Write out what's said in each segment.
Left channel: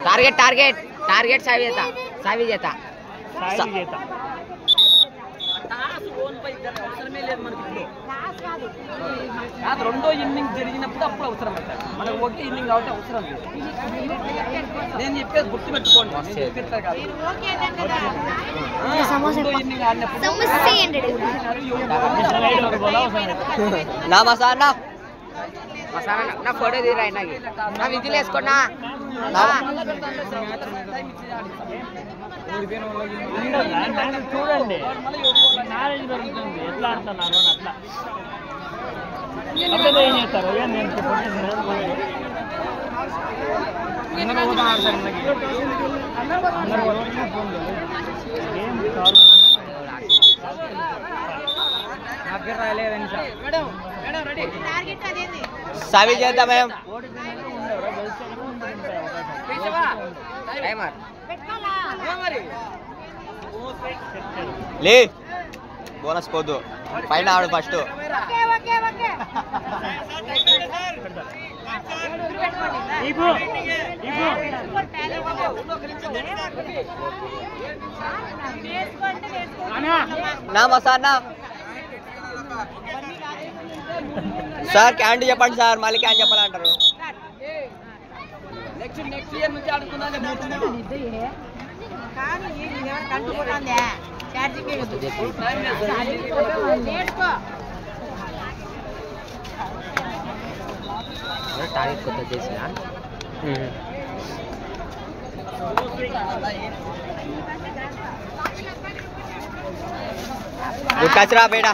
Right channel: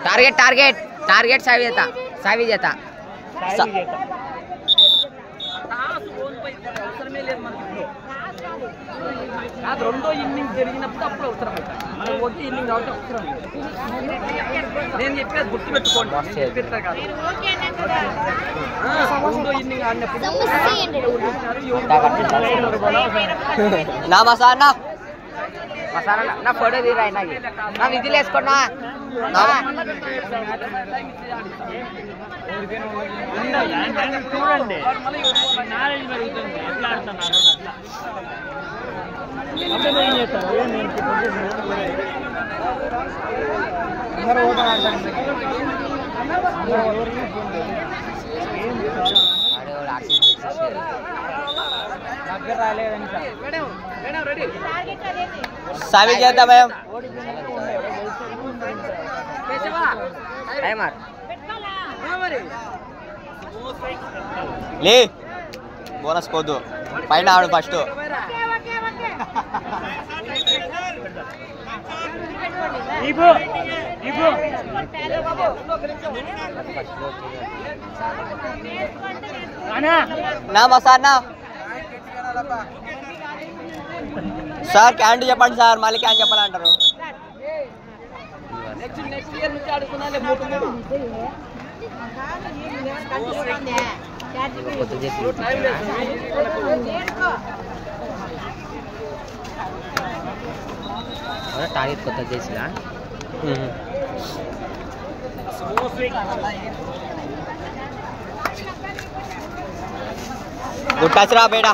Target target target सावी जेता రెండో inning జరిగినప్పుడు అప్పుడు అవసరం అవుతారు ఒకే ఇన్నింగ్ కాబట్టి అవసరం లేదు నేను చెప్పేది గుర్తు పెట్టుకోండి చెప్పేస్తా కాదు రెండో ఇన్నింగ్ ఆడినప్పుడు నా మసాలా మసాలా నా ఫోటో తీరా నా విధులు వేసుకున్నా చూడండి सावी చేద్దాం భయం లే బోనస్ పోదు పైన ఆడు ఫస్ట్ నా మసానా సార్ క్యాంటీ చెప్పండి సార్ మళ్ళీ క్యాన్ చెప్పాలంటారు నెక్స్ట్ ఇయర్ నుంచి ఆడుతున్నాలే టార్గెట్ కొత్త చేసినా గుడ్ టచ్ రా బేటా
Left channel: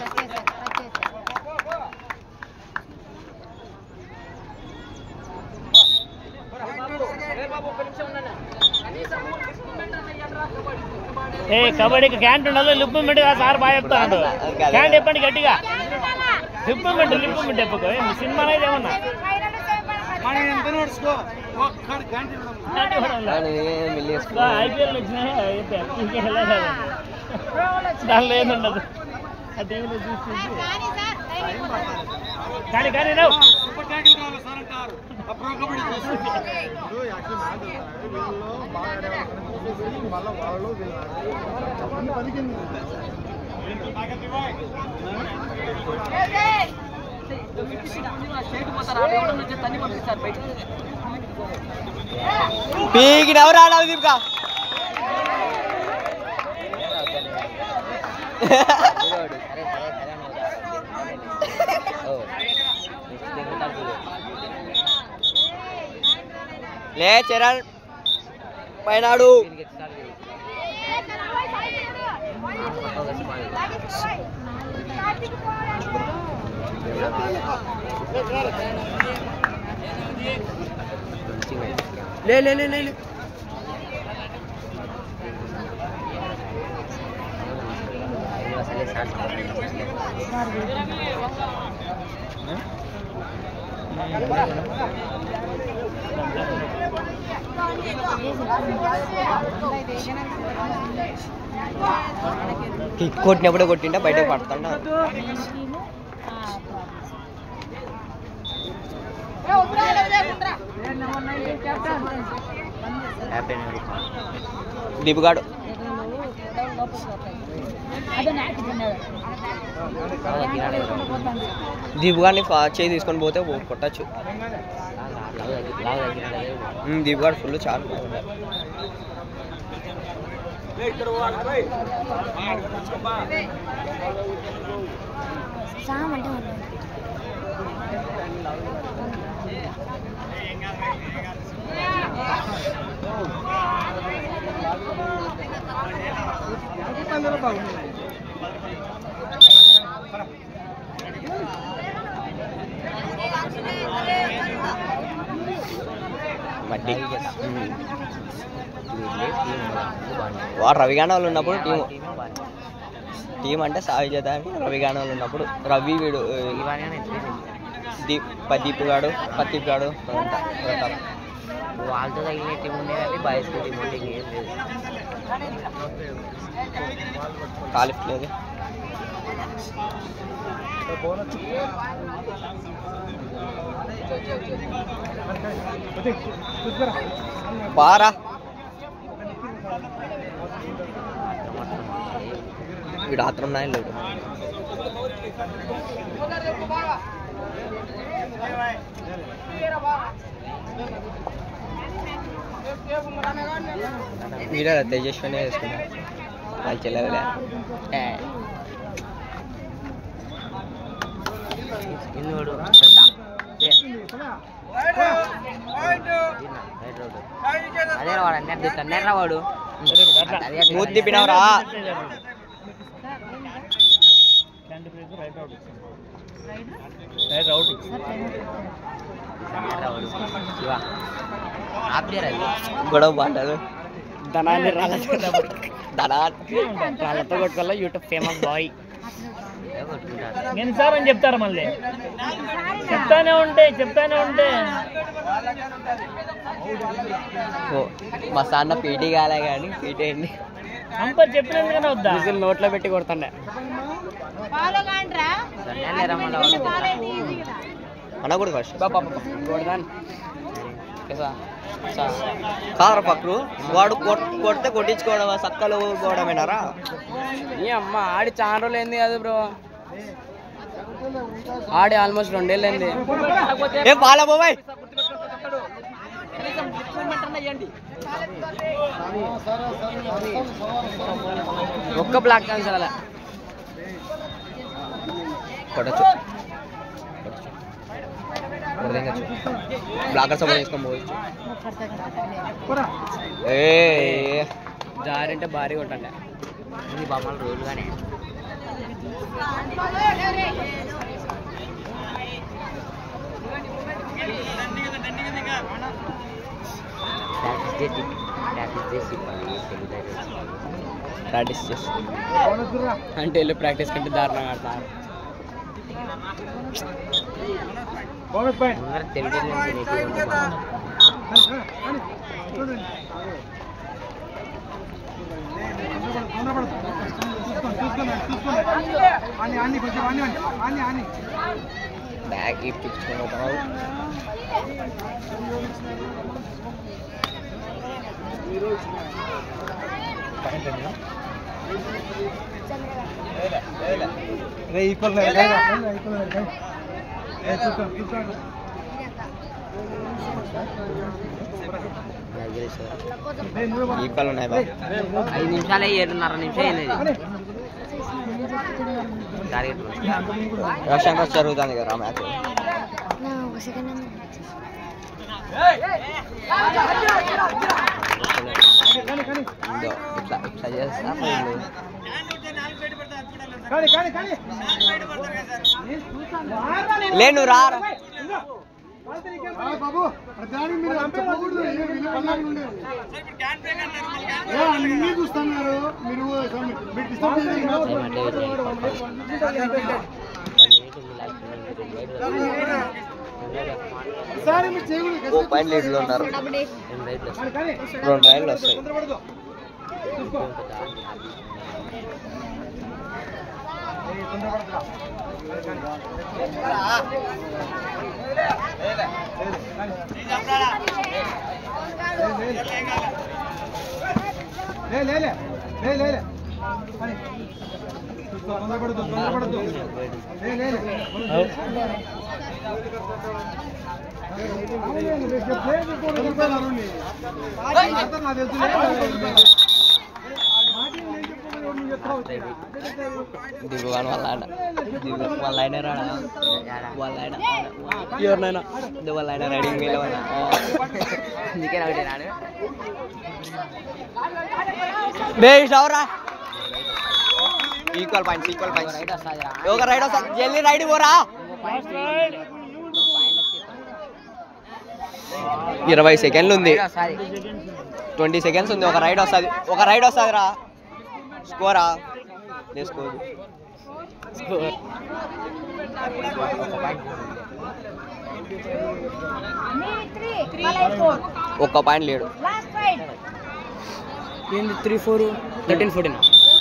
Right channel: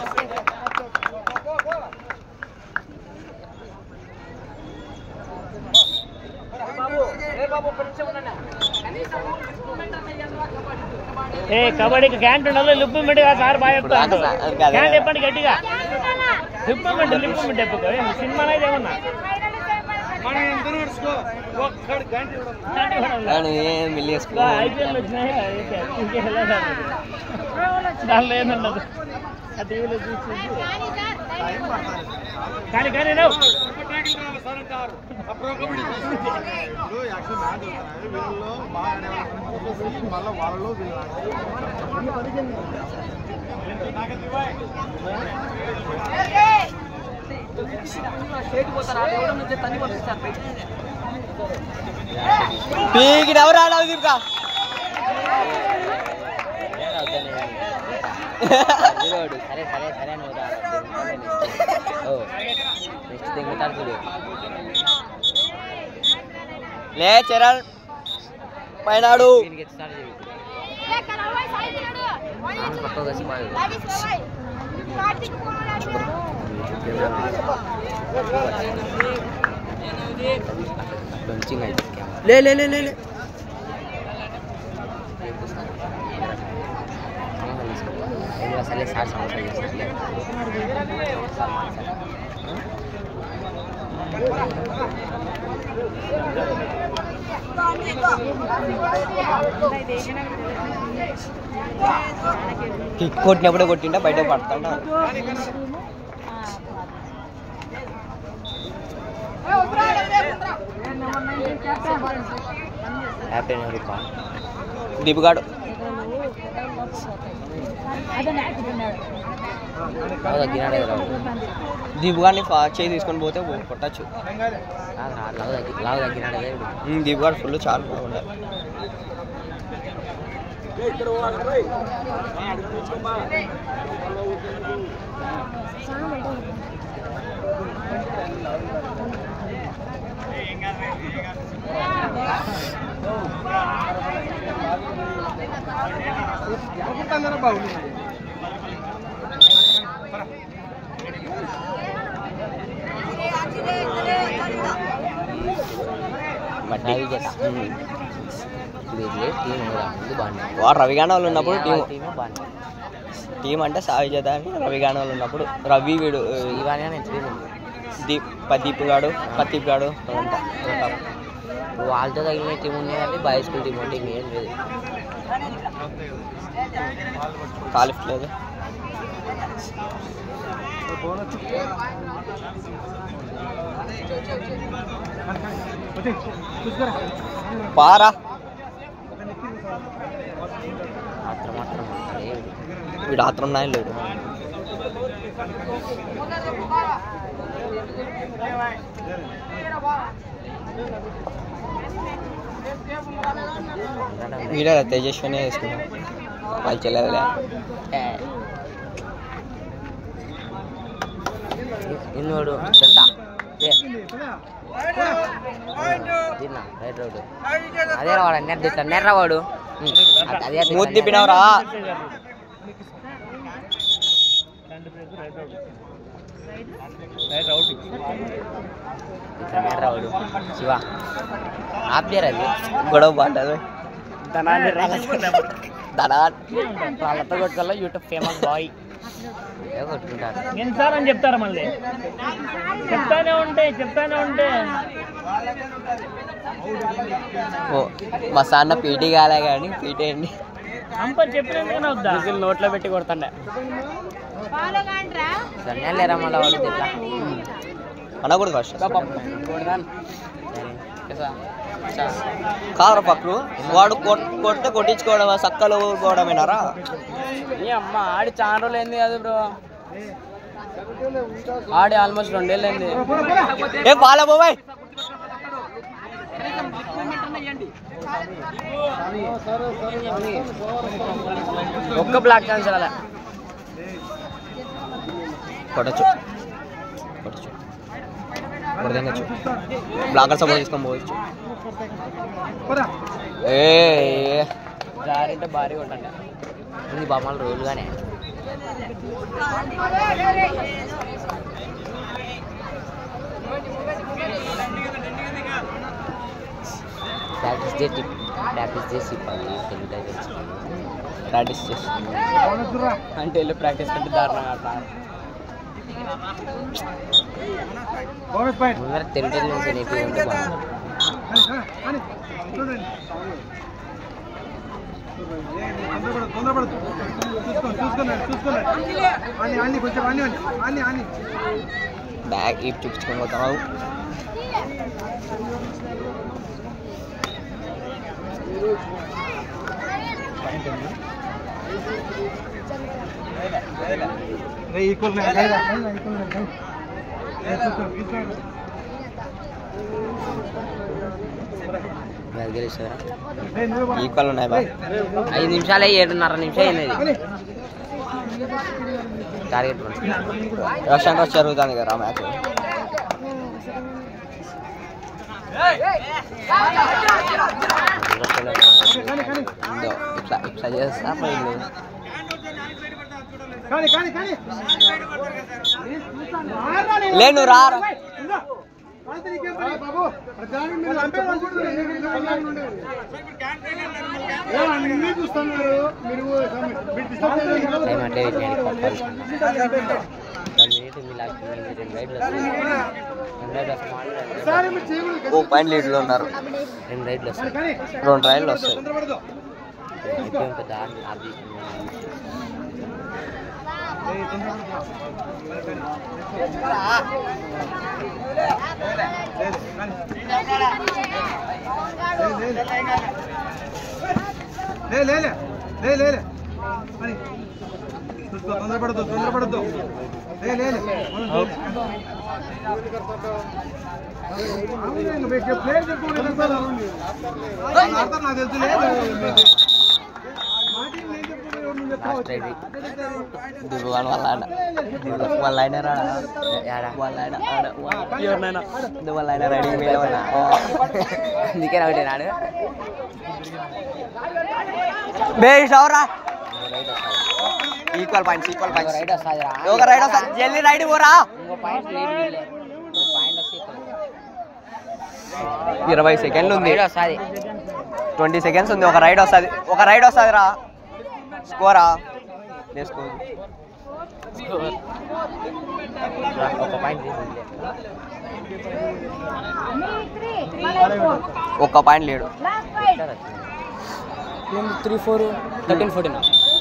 కబడ్డీకి క్యాంట్ ఉండదు లిప్మెంట్ సార్ బాగా చెప్తాను క్యాంట్ చెప్పండి గట్టిగా లిప్మెంట్ చెప్పుకో సినిమా అయితే ఏమన్నా ఐపీఎల్ వచ్చినా దానిలో ఏముండదు ఆ టీవీలో చూసి కానీ కానీ పీకి ఎవరు ఆడాలి దీపికా లే చరణ్ పైనాడు ले ले ले ले ले కిక్ కొట్టినప్పుడే కొట్టింటే బయటకు పడుతుంటా దీపుగాడు దీపుగాడిని చేయి తీసుకొని పోతే కొట్టచ్చు దీపుగాడు ఫుల్ చాలా ఉండాలి వాడు రవిగాణ వాళ్ళు ఉన్నప్పుడు టీం అంటే సాయి చేత అని రవిగాణ వాళ్ళు ఉన్నప్పుడు రవి వీడు ప్రదీప్ గాడు అదంతా ప్రతాప్ వాళ్ళతో తగిలిన టీం ఉన్నాయంటే బాయ్స్ టీం అంటే ఏం లేదు కాలిఫ్ లేదు పారా వీడు ఆత్రం నాయన లేడు. వీడే తేజస్వినే వేసుకున్నాడు వాళ్ళు చెల్లెలే. ఇన్నోడు అదే వాడు అన్నర్రా వాడు మూతి తిప్పినవరా. శివ ఆప్లేరు అది గొడవ బాగుంటుంది. వాళ్ళతో కొట్టుకోవాలి. యూట్యూబ్ ఫేమస్ బాయ్ ఎన్నిసార్లు అని చెప్తారా మళ్ళీ చెప్తానే ఉంటే మా సాన్న పీటీ కాలే కానీ పీటీ అండి చెప్పినందుకనే నోట్లో పెట్టి కొడతాండ అనకూడదు ఫస్ట్ కాదరా పక్కరు వాడు కొడితే కొట్టించుకోవడం సక్కలు పోవడమేనారా. ఈ అమ్మ ఆడి చాలా రోజులు ఏంది కాదు బ్రో, ఆడి ఆల్మోస్ట్ 2 ఏళ్ళు అయింది. ఏ పాల బాబాయ్ ఒక్క బ్లాక్ క్యాన్సర్ అలా కొట్టచ్చు బ్లాకర్ సపోర్ట్ తీసుకొని పోవచ్చు. జారింటే భారీ కొట్టండి. ఇది బొమ్మలు రోజుగానే ప్రాక్టీస్ చేసి అంటే వెళ్ళి ప్రాక్టీస్ కంటే దారుణంగా ఆడతారు. ముందర తెలుగు నుంచి నేర్చుకుంటే బ్యాగ్ ఇవి చూపించుకొని పోతున్నావు. ఈక్వల్ ఉన్నాయి బా. 5 నిమిషాలే 7.5 నిమిషాలు అయింది. టార్గెట్ రష్యన్ రష్ జరుగుతుంది కదా మ్యాచ్. ఇట్లా ఇట్లా చేస్తా పోయింది. లేను రా ఓ పాయింట్ లీడ్లో ఉన్నారు. 2 రైడ్లు వస్తాయి. దిగువాను వాళ్ళ ఆయన రాడా వాళ్ళ ఆయన ఎవరినైనా వాళ్ళ ఆయన రైడింగ్ మీద అందుకే రాడు బేరా ఈక్వల్ పాయింట్స్ ఒక రైడ్ వస్తా జల్దీ రైడ్ పోరా. 20 సెకండ్లు ఉంది. 20 సెకండ్స్ ఉంది. ఒక రైడ్ వస్తుంది రా. స్కోరా వేసుకోదు. ఒక్క పాయింట్ లేడు. 3-4 13-14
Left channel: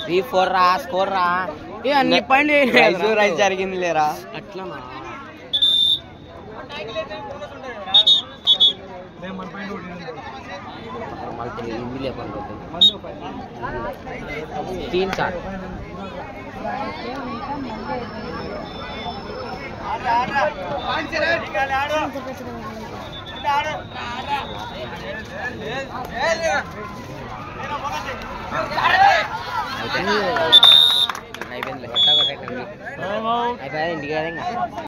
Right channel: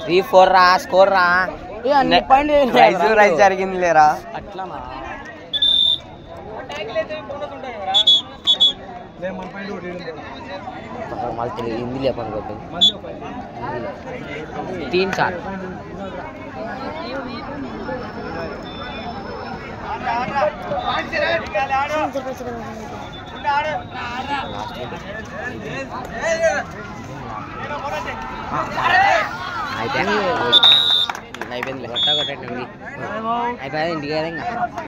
3-4 రా. స్కోర్ రా. రైజ్ జరిగింది లేరా. అట్లా मल हिंदी ले अपन को 3 साल అయిపోయింది కొట్ట కొట్టండి అయిపోయింది ఇంటికి